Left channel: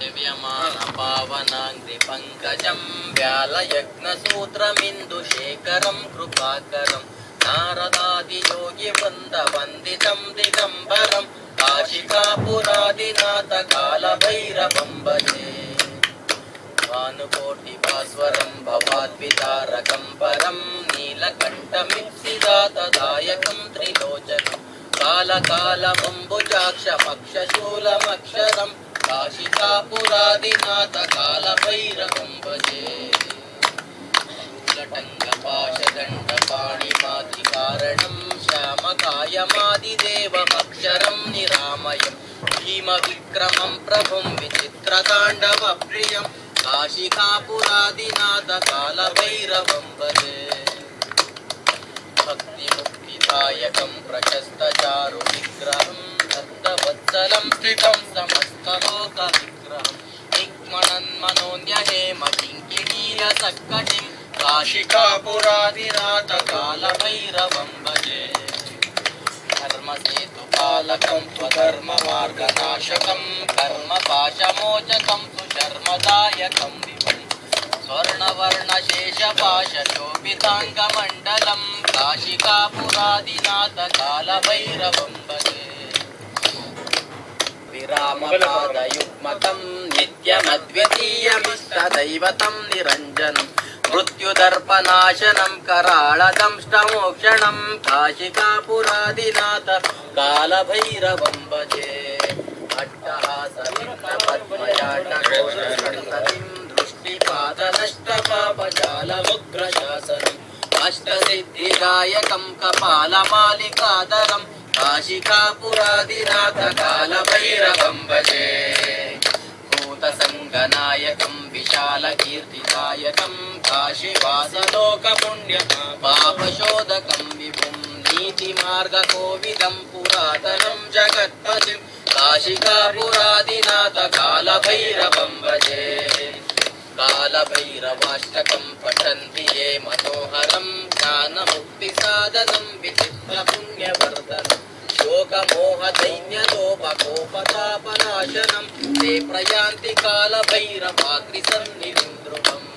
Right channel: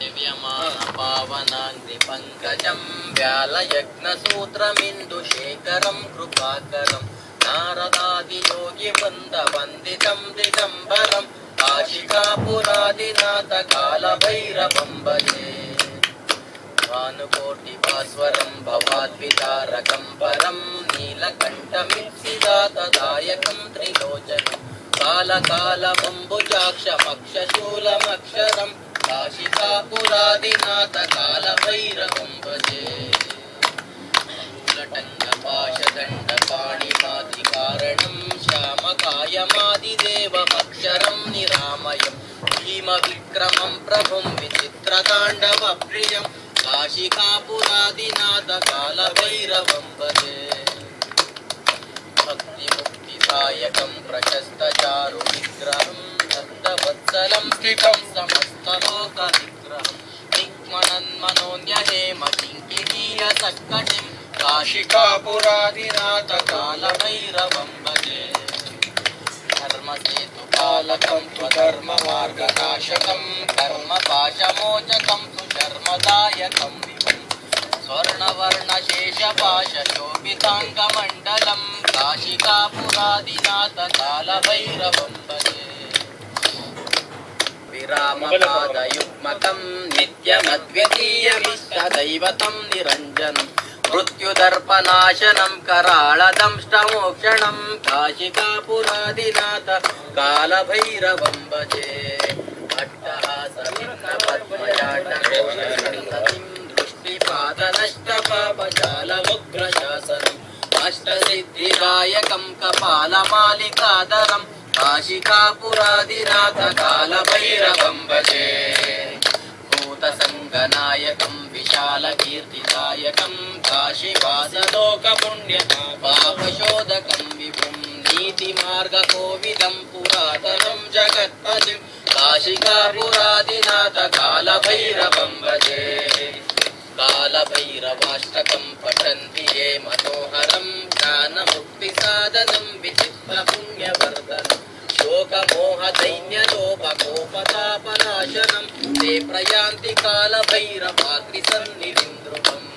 దివ్యమాన పావనాంగ్రి పంకజం వ్యాలయజ్ఞసూత్రమిందుశేఖరం కృపాకరం నారదాదియోగి వృంద వందితం దిగంబరం కాశికాపురాదినాథ కాలభైరవం భజే భానుకోటి భాస్వరం భవాద్వితారకం పరం నీలకంఠమిత్సిదాతదాయకం త్రిలోచనం కాలకాలమంబుజాక్షమక్షశూలమక్షరం కాపురాదినాథ కాల భైరవం భజే కారణం శ్యామకాయమాదిదేవమక్షరం నిరామయం భీమ విక్రమం ప్రభుం విచిత్రతాండవ ప్రియం కాశికాపురాదినాథ కాల భైరవం భజే భక్తి सायकं प्रशस्तचारुनिग्रहं दत्तवत्सलं स्थितं समस्तलोकविग्रहं निग्मनन्मनोऽन्यहेमकिङ्किटीयसक्कटिं काशिकापुरादिनाथकालभैरवं भजे। धर्मसेतुपालकं त्वधर्ममार्गनाशकं कर्मपाशमोचकं सुधर्मदायकं स्वर्णवर्णशेषपाशशोभिताङ्गमण्डलं काशिकापुरादिनाथकालभैरवम्बरे विरामपादयुग्मकं नित्यमद्वितीयमिष्टदैवतं निरञ्जनं मृत्युदर्पनाशनं कराळदंष्टमोक्षणं काशिकापुरादिनाथ कालभैरवं भजे अट्टहासमित्रपद्मयाटघोषसन्ततिम् दृष्टिपादनष्टपापजालमुग्रशासनम् अष्टसिद्धिदायकं कपालमालिकादरं काशिकापुरादिनाथ कालभैरवं भजे भूतसङ्गनायकं विशालकीर्तिदायकं काशीवासलोकपुण्य पापशोधकं विभुं नीतिमार्गकोविदं पुरातनं जगत्पतिं काशिकापुरादिनाथ कालभैरवं भजे कालभैरवाष्टकं पठन्ति ये मनोहरं ज्ञानमुक्तिसाधनं विचित्रपुण्यवर्धनम् शोकमोहदैन्यलोभकोपतापनाशनं ते प्रयान्ति कालभैरवाग्निसन्निधिं ध्रुवम्